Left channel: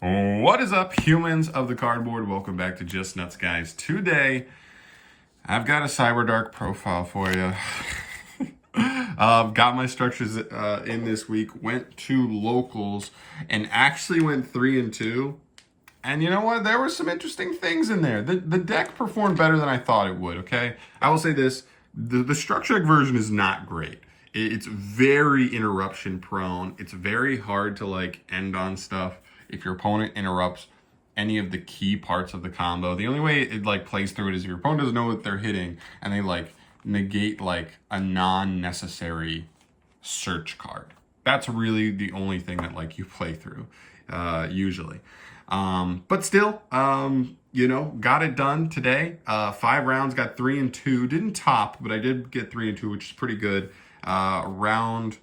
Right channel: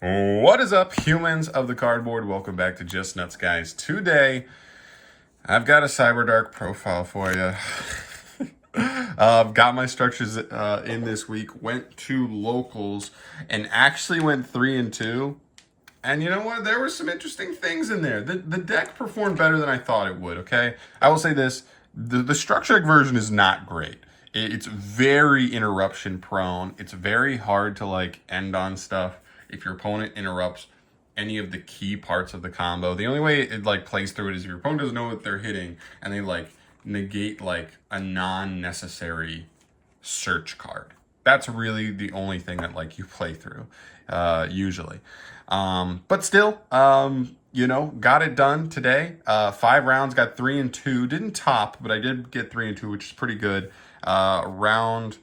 What is up, humans of the cardboard? Welcome back to Just Nuts, guys. Today, I've got a Cyberdark profile for you. Got my structures in this week. Went to locals and actually went 3-2. And you know what? There were some interesting things in there. The deck performed better than I thought it would. Okay, I will say this: the structure deck version is not great. It's very interruption prone. It's very hard to like end on stuff if your opponent interrupts any of the key parts of the combo. The only way it like plays through it is if your opponent doesn't know what they're hitting and they like negate like a non-necessary search card. That's really the only thing that like you play through usually. But still, you know, got it done today. 5 rounds, got 3-2. Didn't top, but I did get 3-2, which is pretty good. Round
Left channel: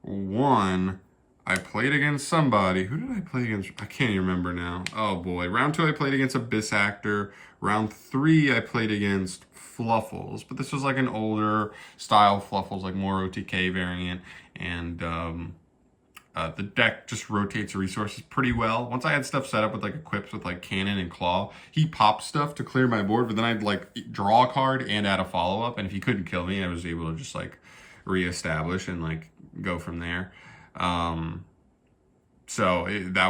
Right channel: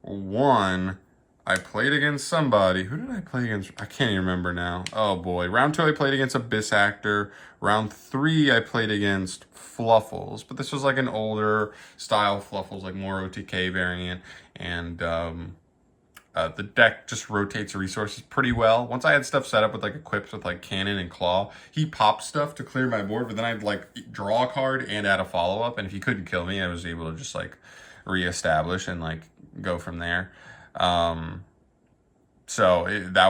1, I played against somebody. Who did I play against? I can't even remember now. Oh boy. Round 2, I played against Abyss Actor. Round 3, I played against Fluffles, but this was like an older style Fluffles, like more OTK variant, and the deck just rotates resources pretty well. Once I had stuff set up with like equips with like cannon and claw, he popped stuff to clear my board, but then I'd like draw a card and add a follow-up, and if he couldn't kill me, I was able to just like reestablish and like go from there. That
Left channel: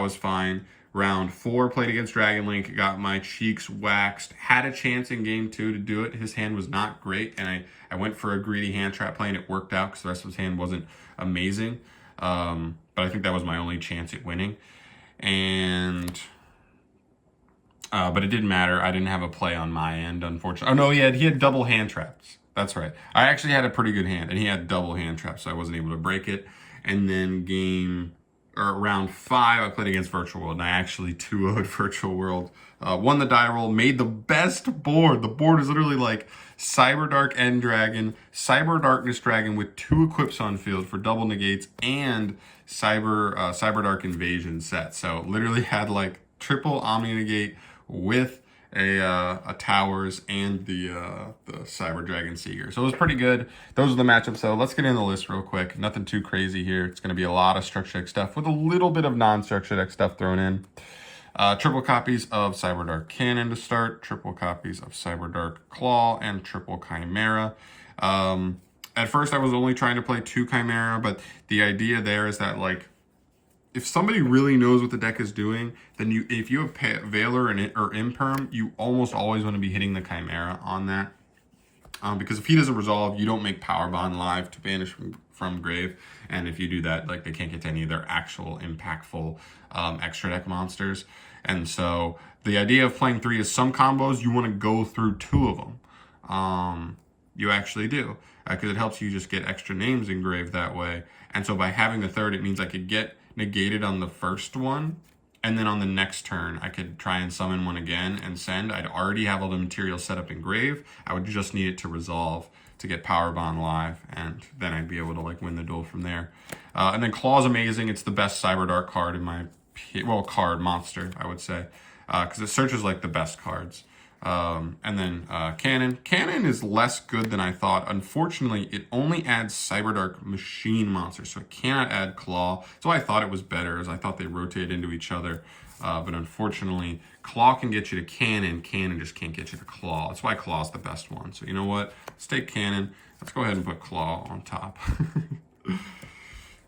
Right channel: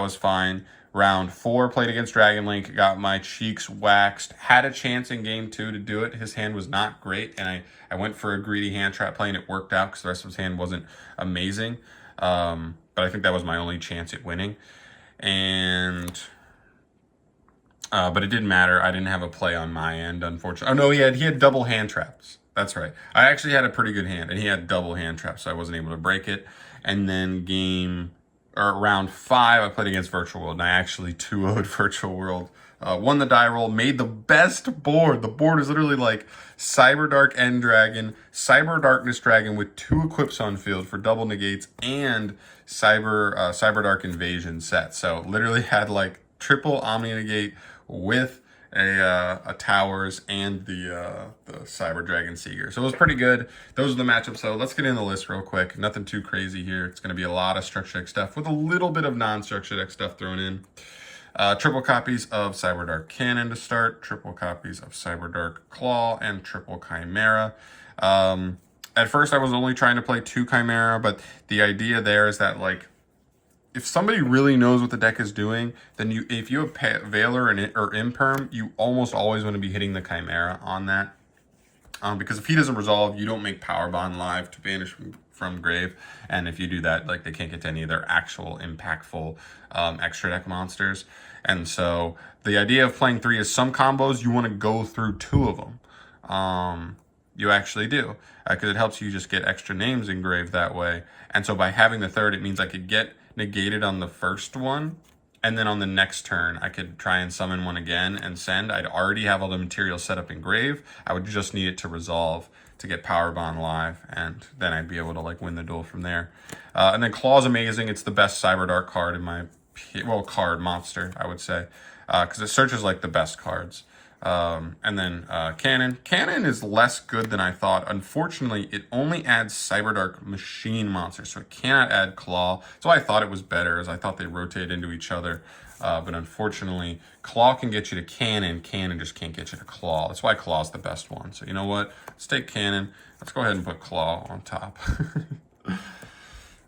was fine. Round 4, played against Dragon Link, got my cheeks waxed. Had a chance in game 2 to do it. His hand was not great, and I went for a greedy hand trap play, and it worked out because the rest of his hand wasn't amazing. But I think that was my only chance at winning. And but it didn't matter. I didn't have a play on my end, unfortunately. Oh no, he had double hand traps. That's right. I actually had a pretty good hand, and he had double hand traps, so I wasn't able to break it. And then round 5, I played against Virtual World, and I actually 2-0'd Virtual World. Won the die roll, made the best board. The board is literally like Cyberdark End Dragon, Cyber Darkness Dragon with 2 equips on field for double negates, and Cyberdark Invasion set. So literally had like triple Omni Negate with a towers and the Cyber Dragon Seeger. So it was pretty good. Those are the matchups. So let's get in the list real quick. Nothing too crazy here. It's going to be a lot of structure deck stuff with a little bit of non-structure deck stuff thrown in. Triple copies of Cyberdark Cannon to start, triple copies of Cyberdark Claw, and triple Chimera. At first I was only trying to play 2 Chimera, but the idea there is that like if somebody really knows what the deck is doing, then if you have Veiler or Imperm, you almost always want to be hitting the Chimera on that. Because if he doesn't resolve, you don't make Power Bond live to banish from grave. And if you do that, like they can't get to any of their actual impactful extra deck monsters. And so the idea of playing 3 is some combos, you want to go through 2 of them. You actually do. Because it helps you just get extra names engraved that way. And so by having the 3rd, it means I could get negated on the first one, and then on the next turn I could try and summon one again and send. I'd already have all the materials set up in grave. I would just need it to resolve to get Power Bond live, and then I'd be able to like win the duel from there. And then Claw's amazing. It's the best Cyberdark card in my card monster, I would say, because it searches like the best cards. And then Cannon. Cannon is less good than I thought. Unfortunately, it only adds Cyberdark machine monsters, so it cannot add Claw. So I thought it was better, as I thought they rotated into each other. But unfortunately, Claw can get you to Cannon. Cannon just can't get you to Claw. That's why Claw's the best one. So you know what? Let's take Cannon. Let's go ahead and put Claw on top.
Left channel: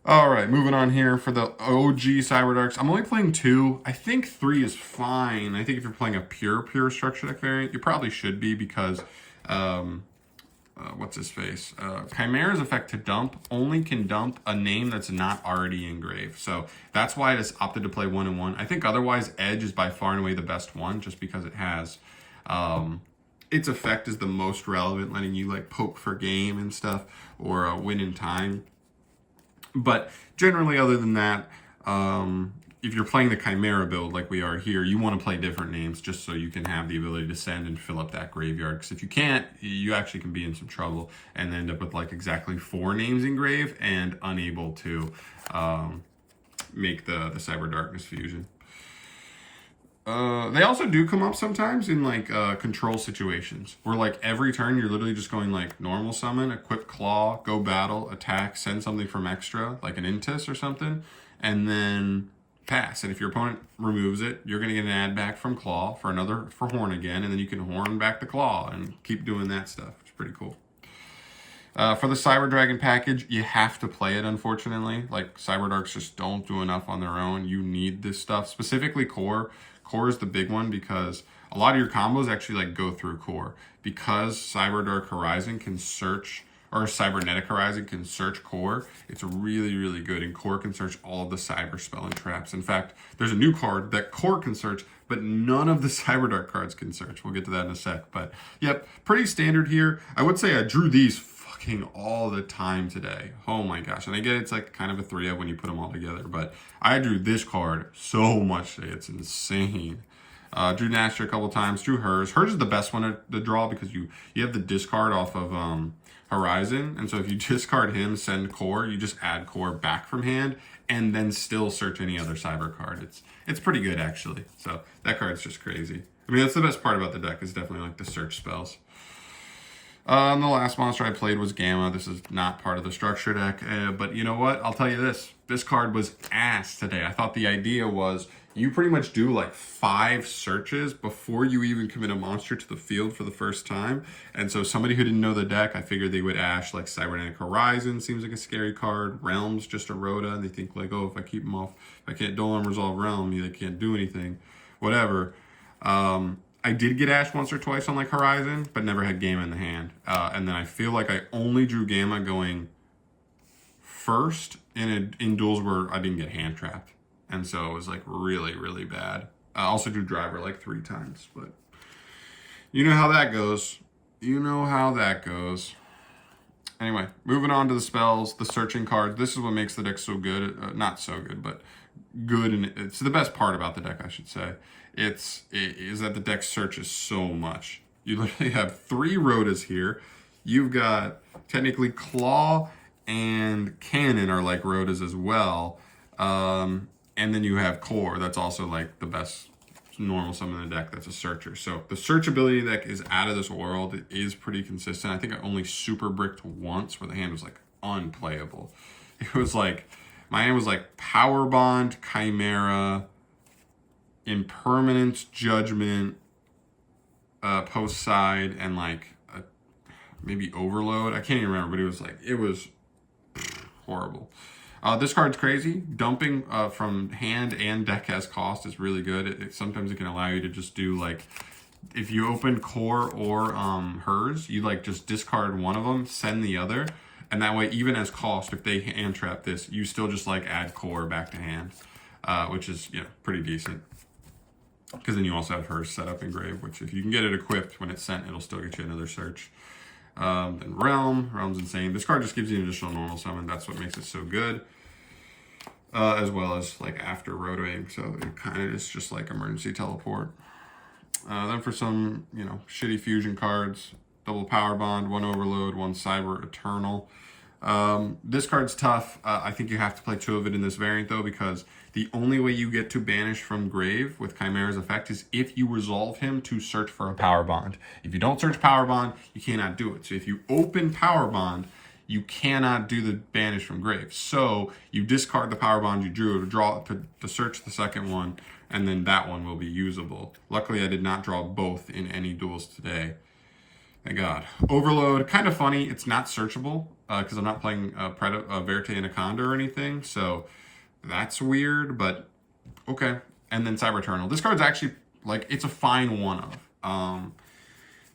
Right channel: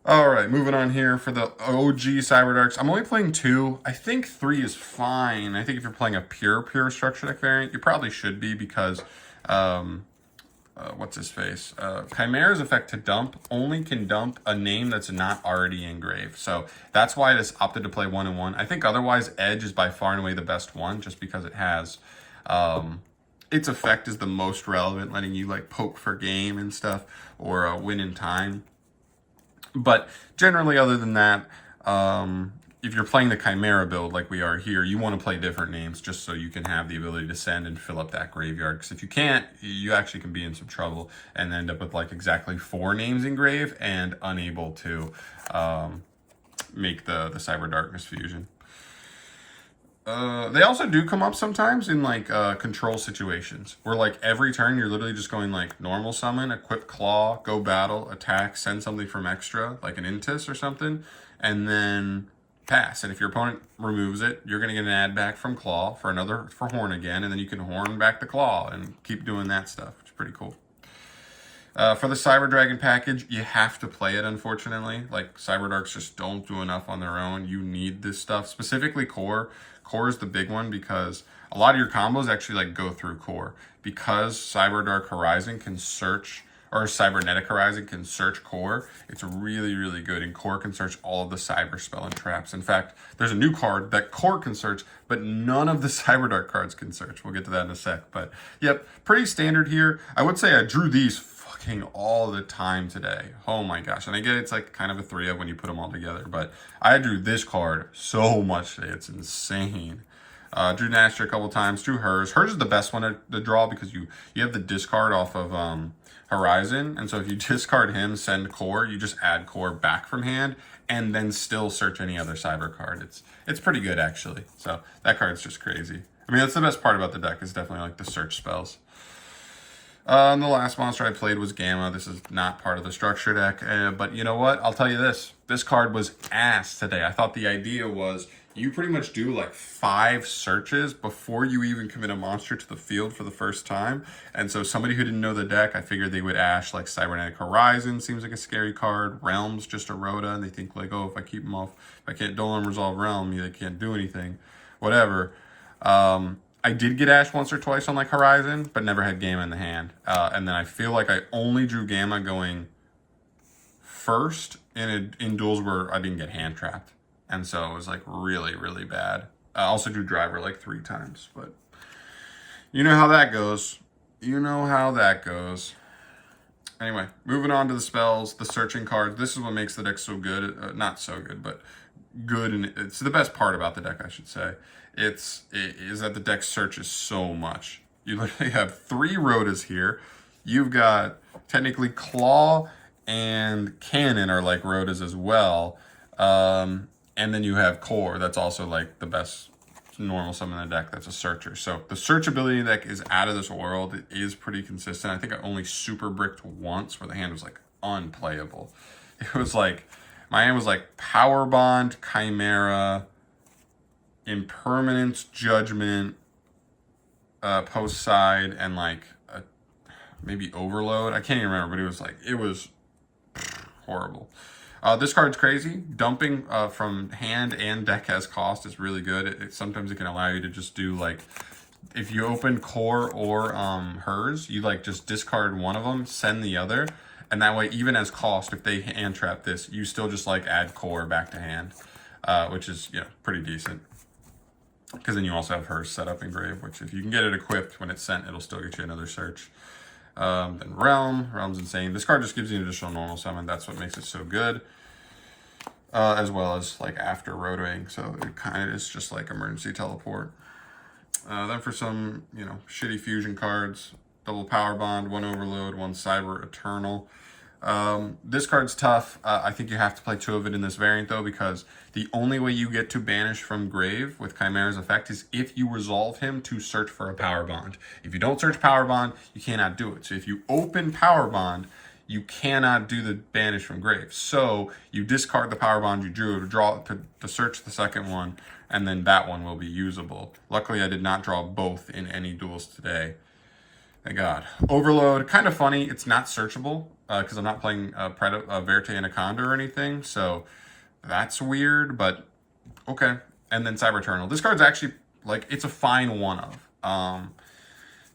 All right, moving on here for the OG Cyberdarks. I'm only playing 2. I think 3 is fine. I think if you're playing a pure structure deck variant, you probably should be because, what's his face? Chimera's effect to dump only can dump a name that's not already engraved. So that's why I just opted to play 1-1. I think otherwise Edge is by far and away the best one just because it has, its effect is the most relevant, letting you like poke for game and stuff or win in time. But generally, other than that, if you're playing the Chimera build like we are here, you want to play different names just so you can have the ability to send and fill up that graveyard. Because if you can't, you actually can be in some trouble and end up with like exactly 4 names engraved and unable to make the Cyber Darkness fusion. They also do come up sometimes in like control situations where like every turn you're literally just going like normal summon, equip claw, go battle, attack, send something from extra like an Intis or something, and then pass. And if your opponent removes it, you're going to get an add back from claw for horn again, and then you can horn back the claw and keep doing that stuff, which is pretty cool. For the Cyber Dragon package, you have to play it, unfortunately. Like, Cyberdarks just don't do enough on their own. You need this stuff, specifically core. Core is the big one because a lot of your combos actually like go through core. Because Cyberdark Horizon can search, or Cybernetic Horizon can search core, it's really, really good. And core can search all of the cyber spell and traps. In fact, there's a new card that core can search, but none of the Cyberdark cards can search. We'll get to that in a sec. But yep, pretty standard here. I would say I drew these all the time today. Oh my gosh. And I get it's like kind of a 3-of when you put them all together, but I drew this card so much today. It's insane. Drew Nasher a couple times, drew hers. Hers is the best one to draw because you have the discard off of Horizon. And so if you discard him, send core, you just add core back from hand and then still search any other cyber card. It's pretty good actually. So that card's just crazy. I mean, that's the best part about the deck is definitely like the search spells. And the last monster I played was Gamma. This is not part of the structure deck, but you know what? I'll tell you this. This card was ass today. I thought the idea was you pretty much do like 5 searches before you even commit a monster to the field for the first time. And so somebody who didn't know the deck, I figured they would ash like Cybernetic Horizon seems like a scary card. Realms, just a Rhoda, and they think like, oh, if I keep them off, if I can't don't let them resolve Realm, they can't do anything, whatever. I did get Ash once or twice on like Horizon, but never had Gamma in the hand. And then I feel like I only drew Gamma going first in duels where I didn't get hand trapped. And so it was like really, really bad. I also drew Driver like 3 times, but you know how that goes. You know how that goes. Anyway, moving on to the spells, the searching cards. This is what makes the deck so good. Not so good, but good. And it's the best part about the deck, I should say. It is that the deck searches so much. You literally have 3 Rhodas here. You've got technically Claw and Cannon are like Rhodas as well. And then you have Core. That's also like the best normal summon in the deck that's a searcher. So the search ability deck is out of this world. It is pretty consistent. I think I only super bricked once where the hand was like unplayable. It was like, my hand was like Power Bond, Chimera, Impermanence, Judgment, post side, and like maybe Overload. I can't even remember, but it was horrible. This card's crazy. Dumping from hand and deck as cost is really good. Sometimes it can allow you to just do like, if you open Core or hers, you like just discard one of them, send the other, and that way even as cost, if they hand trap this, you still just like add Core back to hand, which is pretty decent. Because then you also have hers set up in grave, which if you can get it equipped when it's sent, it'll still get you another search. Then Realm's insane. This card just gives you an additional normal summon. That's what makes it so good. As well as like after rotoing, so it kind of is just like emergency teleport. Then for some, shitty fusion cards, double Power Bond, 1 Overload, 1 Cyber Eternal. This card's tough. I think you have to play 2 of it in this variant though, because the only way you get to banish from grave with Chimera's effect is if you resolve him to search for a Power Bond. If you don't search Power Bond, you cannot do it. So if you open Power Bond, you cannot do the banish from grave. So you discard the Power Bond you drew to search the second one, and then that one will be usable. Luckily, I did not draw both in any duels today. Thank God. Overload, kind of funny. It's not searchable because I'm not playing Verte Anaconda or anything. So that's weird, but okay. And then Cyber Eternal. This card's actually, like, it's a fine 1-of.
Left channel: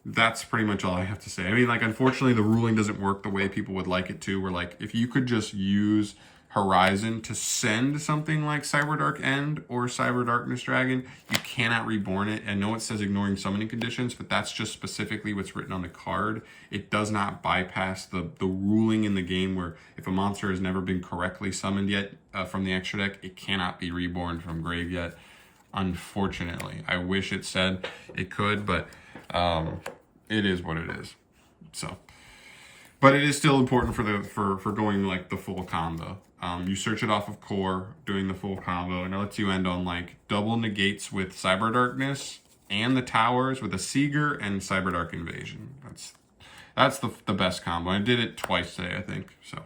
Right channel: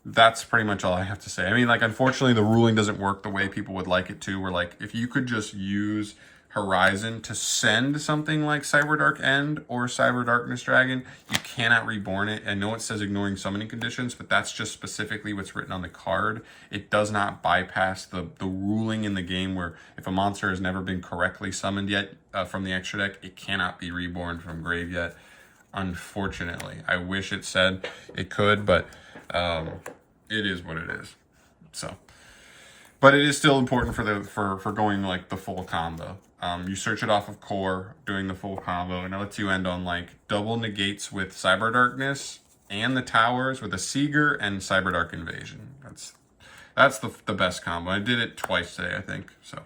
That's pretty much all I have to say. I mean, like, unfortunately, the ruling doesn't work the way people would like it to, where, like, if you could just use Horizon to send something like Cyberdark End or Cyber Darkness Dragon, you cannot reborn it. I know it says ignoring summoning conditions, but that's just specifically what's written on the card. It does not bypass the ruling in the game where if a monster has never been correctly summoned yet from the extra deck, it cannot be reborn from grave yet. Unfortunately, I wish it said it could, but it is what it is. So, but it is still important for going like the full combo. You search it off of core, doing the full combo, and it lets you end on like double negates with Cyber Darkness and the towers with a Seeger and Cyberdark Invasion. That's the best combo. I did it twice today, I think. So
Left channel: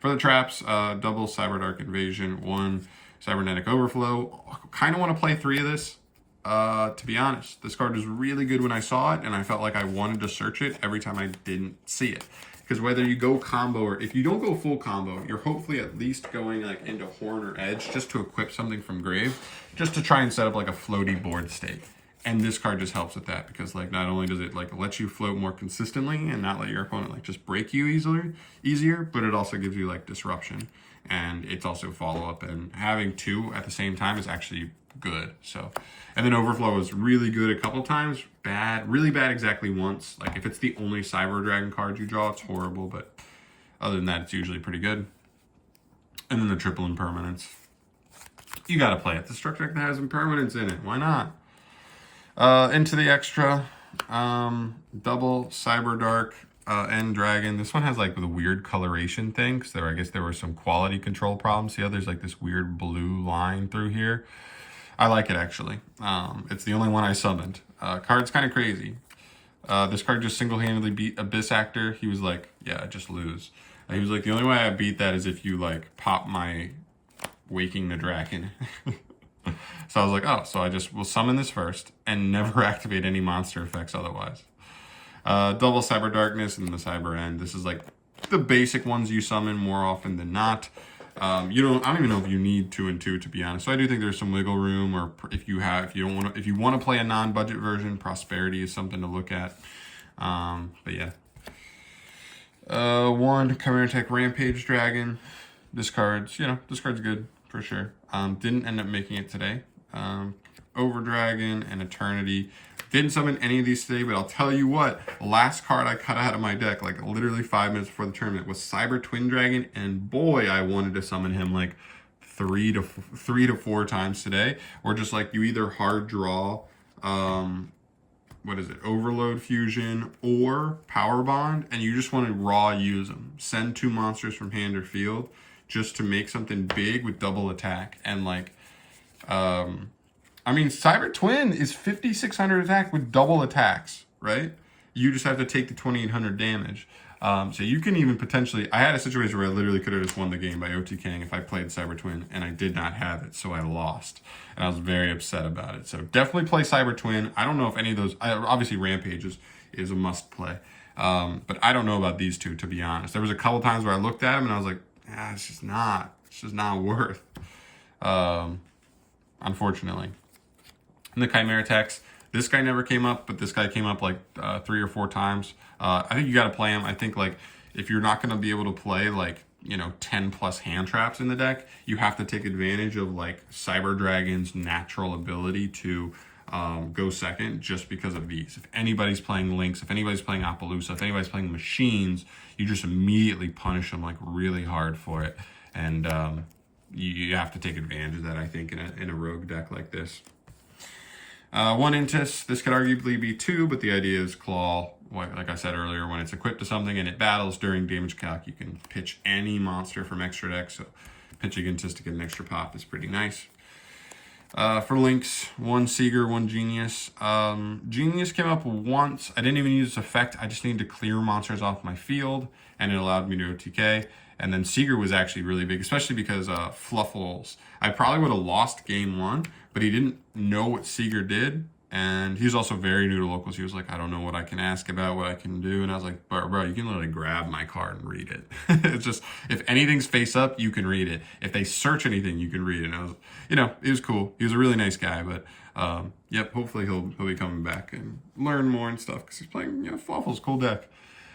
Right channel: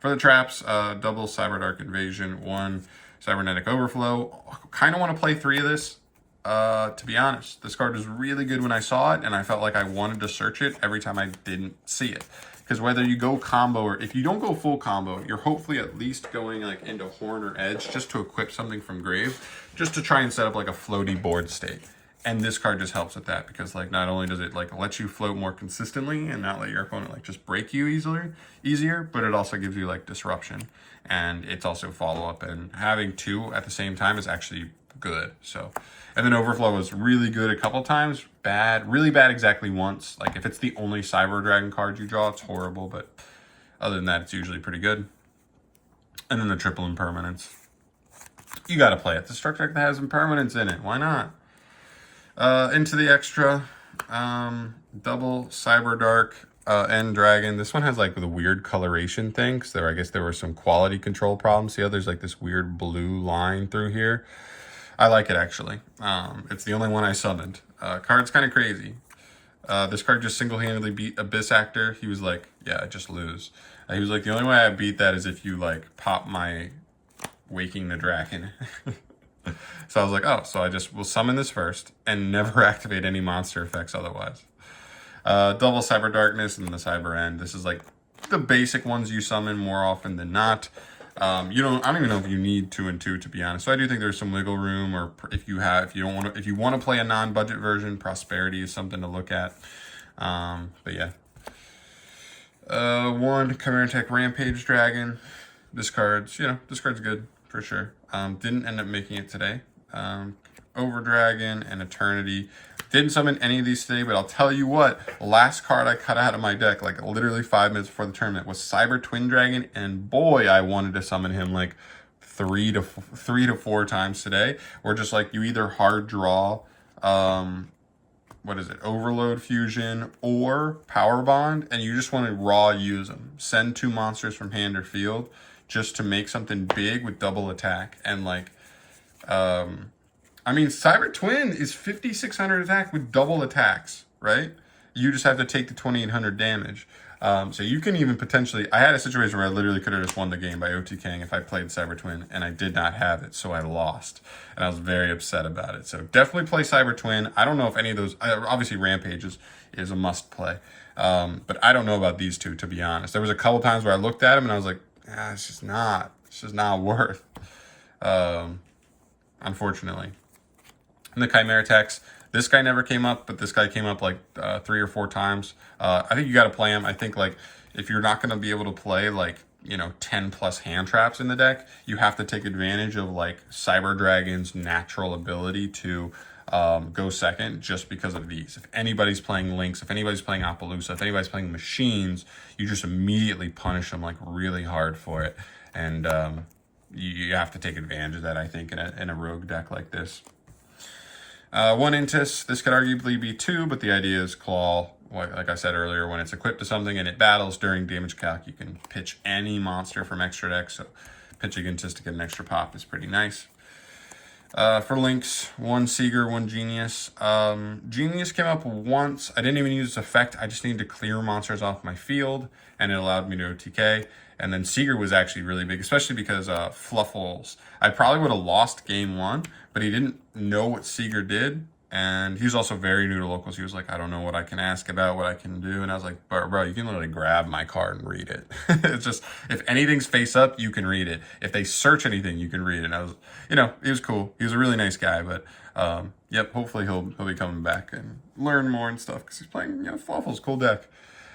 for the traps, double Cyberdark Invasion, 1 Cybernetic Overflow. Kind of want to play 3 of this. To be honest, this card was really good when I saw it, and I felt like I wanted to search it every time I didn't see it. Because whether you go combo or if you don't go full combo, you're hopefully at least going like into Horn or Edge just to equip something from Grave, just to try and set up like a floaty board state. And this card just helps with that because like not only does it like let you float more consistently and not let your opponent like just break you easier, but it also gives you like disruption. And it's also follow up, and having 2 at the same time is actually good. So, and then Overflow is really good a couple times, bad, really bad exactly once. Like if it's the only Cyber Dragon card you draw, it's horrible, but other than that, it's usually pretty good. And then the triple impermanence. You gotta play it. The structure deck that has impermanence in it, why not? Into the extra, double Cyberdark and Dragon. This one has like the weird coloration thing, because I guess there were some quality control problems. See how there's like this weird blue line through here? I like it actually. It's the only one I summoned. Card's kind of crazy. This card just single-handedly beat Abyss Actor. He was like, yeah, I just lose. He was like, the only way I beat that is if you like pop my Waking the Dragon. So I was like, oh, so I just will summon this first and never activate any monster effects otherwise. Double Cyber Darkness and the Cyber End. This is like the basic ones you summon more often than not. I don't even know if you need 2 and 2 to be honest. So I do think there's some wiggle room, or if you want to play a non-budget version, Prosperity is something to look at. But yeah. 1 Chimera Tech Rampage Dragon. This card's good for sure. Didn't end up making it today. Over Dragon and Eternity. Didn't summon any of these today, but I'll tell you what, last card I cut out of my deck, like literally 5 minutes before the tournament, was Cyber Twin Dragon, and boy, I wanted to summon him like 3 to 4 times today. Or just like you either hard draw, Overload Fusion or Power Bond, and you just want to raw use them. Send 2 monsters from hand or field just to make something big with double attack. And like, I mean, Cyber Twin is 5,600 attack with double attacks, right? You just have to take the 2,800 damage. So you can even potentially, I had a situation where I literally could have just won the game by OTKing if I played Cyber Twin, and I did not have it, so I lost. And I was very upset about it. So definitely play Cyber Twin. I don't know if any of those, obviously Rampage is a must play. But I don't know about these 2, to be honest. There was a couple times where I looked at them and I was like, it's just not worth, unfortunately. And the Chimera Techs, this guy never came up, but this guy came up like 3 or 4 times. I think you got to play him. I think like if you're not going to be able to play like, 10 plus hand traps in the deck, you have to take advantage of like Cyber Dragon's natural ability to go second just because of these. If anybody's playing Lynx, if anybody's playing Appaloosa, if anybody's playing Machines, you just immediately punish them like really hard for it. And you have to take advantage of that, I think, in a rogue deck like this. 1 Intis, this could arguably be 2, but the idea is Claw. Like I said earlier, when it's equipped to something and it battles during damage calc, you can pitch any monster from extra deck. So pitching Intis to get an extra pop is pretty nice. For Lynx, 1 Seeger, 1 Genius. Genius came up once. I didn't even use its effect. I just needed to clear monsters off my field, and it allowed me to OTK. And then Seeger was actually really big, especially because Fluffles. I probably would have lost game 1, but he didn't know what Seeger did. And he was also very new to locals. He was like, I don't know what I can ask about, what I can do. And I was like, bro, you can literally grab my card and read it. It's just, if anything's face up, you can read it. If they search anything, you can read it. And I was, he was cool. He was a really nice guy. But, yep, hopefully he'll be coming back and learn more and stuff. Because he's playing, Fluffles, cool deck.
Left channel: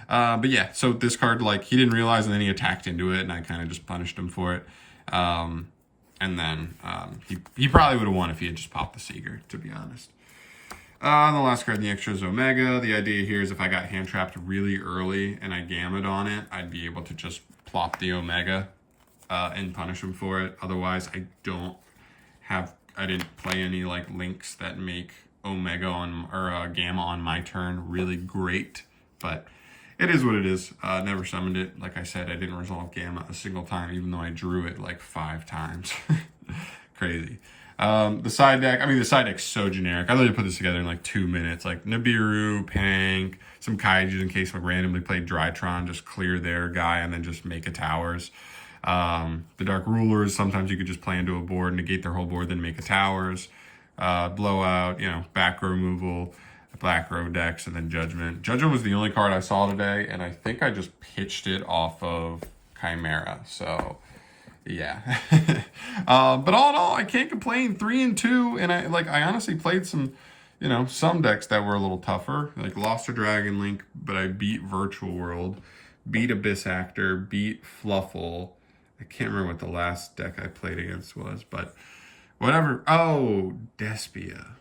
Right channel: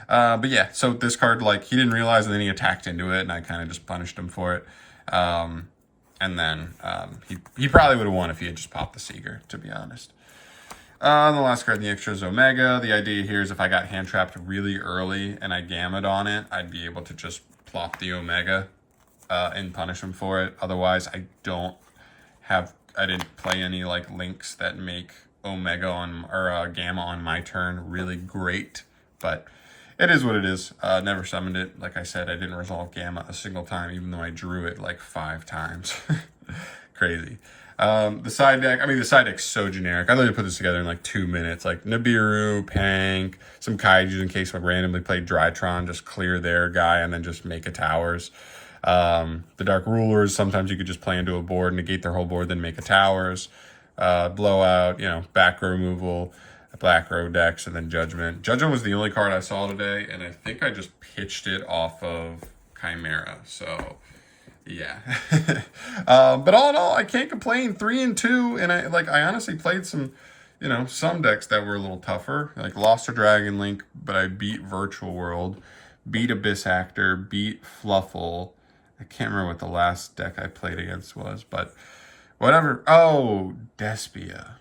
But yeah, so this card, like, he didn't realize, and then he attacked into it, and I kind of just punished him for it. And then he probably would have won if he had just popped the Seeger, to be honest. And the last card in the extra is Omega. The idea here is if I got hand trapped really early and I gammed on it, I'd be able to just plop the Omega and punish him for it. Otherwise, I didn't play any like links that make Omega or Gamma on my turn really great, but it is what it is. Never summoned it. Like I said, I didn't resolve Gamma a single time, even though I drew it like 5 times. Crazy. The side deck's so generic. I literally put this together in like 2 minutes. Like Nibiru, Pank, some Kaiju in case I randomly play Drytron, just clear their guy and then just make a towers. The Dark Rulers, sometimes you could just play into a board, negate their whole board, then make a towers. Blowout, back row removal, black row decks, and then Judgment. Judgment was the only card I saw today, and I think I just pitched it off of Chimera. So, yeah. But all in all, I can't complain. 3-2, and I honestly played some, some decks that were a little tougher. Like lost to Dragon Link, but I beat Virtual World, beat Abyss Actor, beat Fluffle. I can't remember what the last deck I played against was, but whatever. Oh, Despia.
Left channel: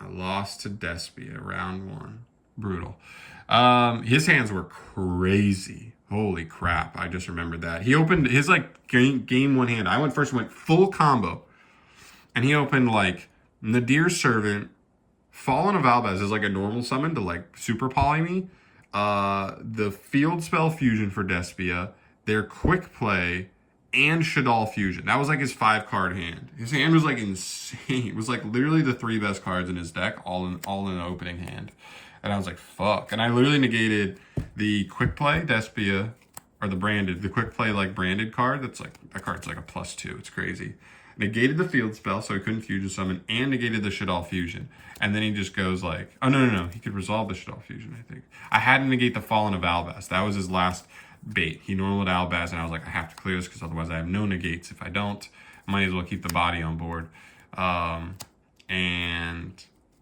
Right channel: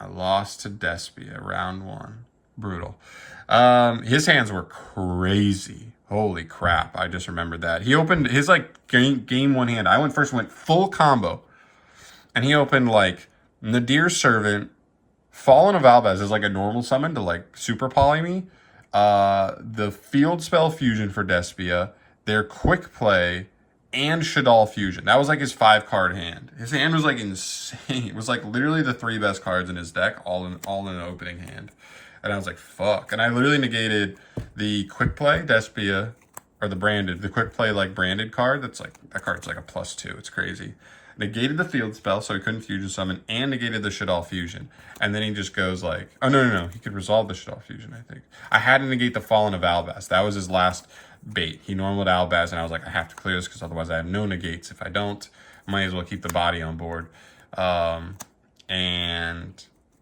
I lost to Despia round 1. Brutal. His hands were crazy. Holy crap. I just remembered that. He opened his game 1 hand. I went full combo. And he opened Nadir Servant, Fallen of Albaz is a normal summon to super poly me. The Field Spell Fusion for Despia, their Quick Play, and Shaddoll Fusion. That was his 5-card hand. His hand was insane. It was literally the 3 best cards in his deck, all in an opening hand. And I was like, fuck. And I literally negated the Quick Play Despia, or the Quick Play branded card. That card's a +2. It's crazy. Negated the Field Spell, so he couldn't Fusion Summon, and negated the Shaddoll Fusion. And then he just goes oh, no. He could resolve the Shaddoll Fusion, I think. I had to negate the Fallen of Albaz. That was his last bait. He normaled Albaz, and I was like, I have to clear this because otherwise I have no negates. If I don't, I might as well keep the body on board. And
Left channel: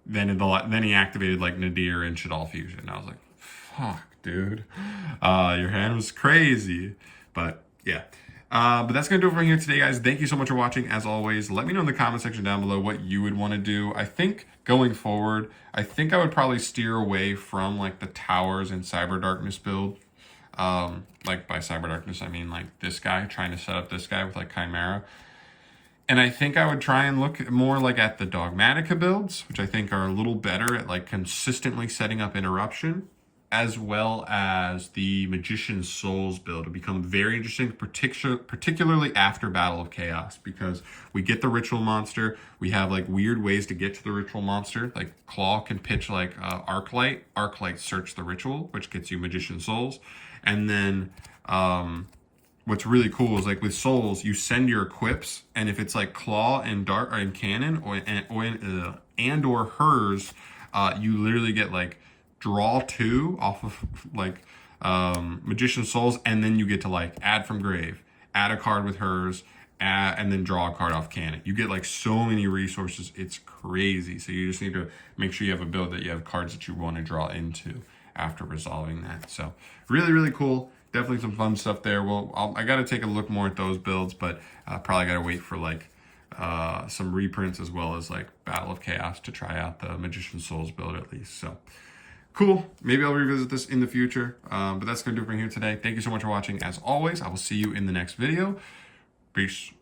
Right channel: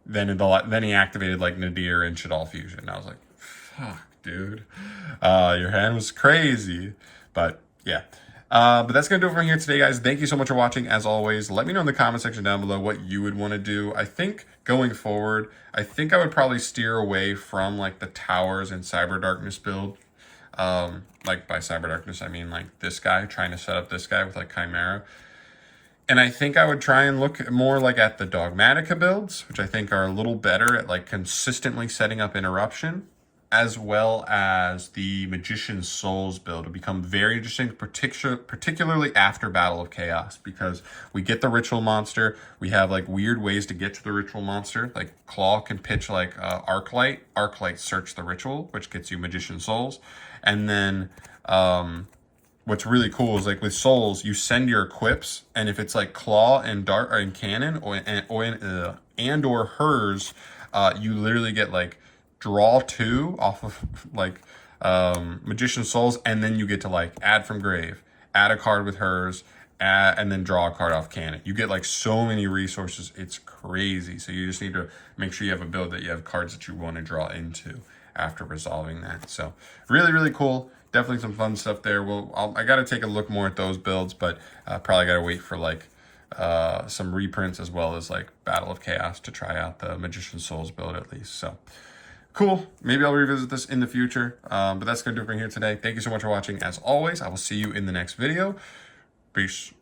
then he activated Nadir and Shaddoll Fusion. And I was like, fuck, dude. Your hand was crazy. But yeah. But that's going to do it for here today, guys. Thank you so much for watching. As always, let me know in the comment section down below what you would want to do. I think going forward, I would probably steer away from the towers and Cyber Darkness build. By Cyber Darkness, I mean this guy, trying to set up this guy with Chimera. And I think I would try and look more at the Dogmatica builds, which I think are a little better at consistently setting up interruption, as well as the Magician's Souls build will become very interesting, particularly after Battle of Chaos, because we get the Ritual Monster. We have weird ways to get to the Ritual Monster. Claw can pitch Arclight. Arclight search the Ritual, which gets you Magician's Souls. And then what's really cool is with Souls, you send your equips, and if it's Claw and Dart and Cannon or hers, you literally get draw 2 off of Magician's Souls, and then you get to add from grave, add a card with hers, and then draw a card off Cannon. You get so many resources. It's crazy. So you just need to make sure you have a build that you have cards that you want to draw into after resolving that. So really, really cool. Definitely some fun stuff there. I got to take a look more at those builds, but probably got to wait for some reprints as well as Battle of Chaos to try out the Magician's Souls build at least. So cool. Maybe I'll revisit this in the future, but that's going to do it for here today. Thank you so much for watching. As always, I will see you in the next video. Peace.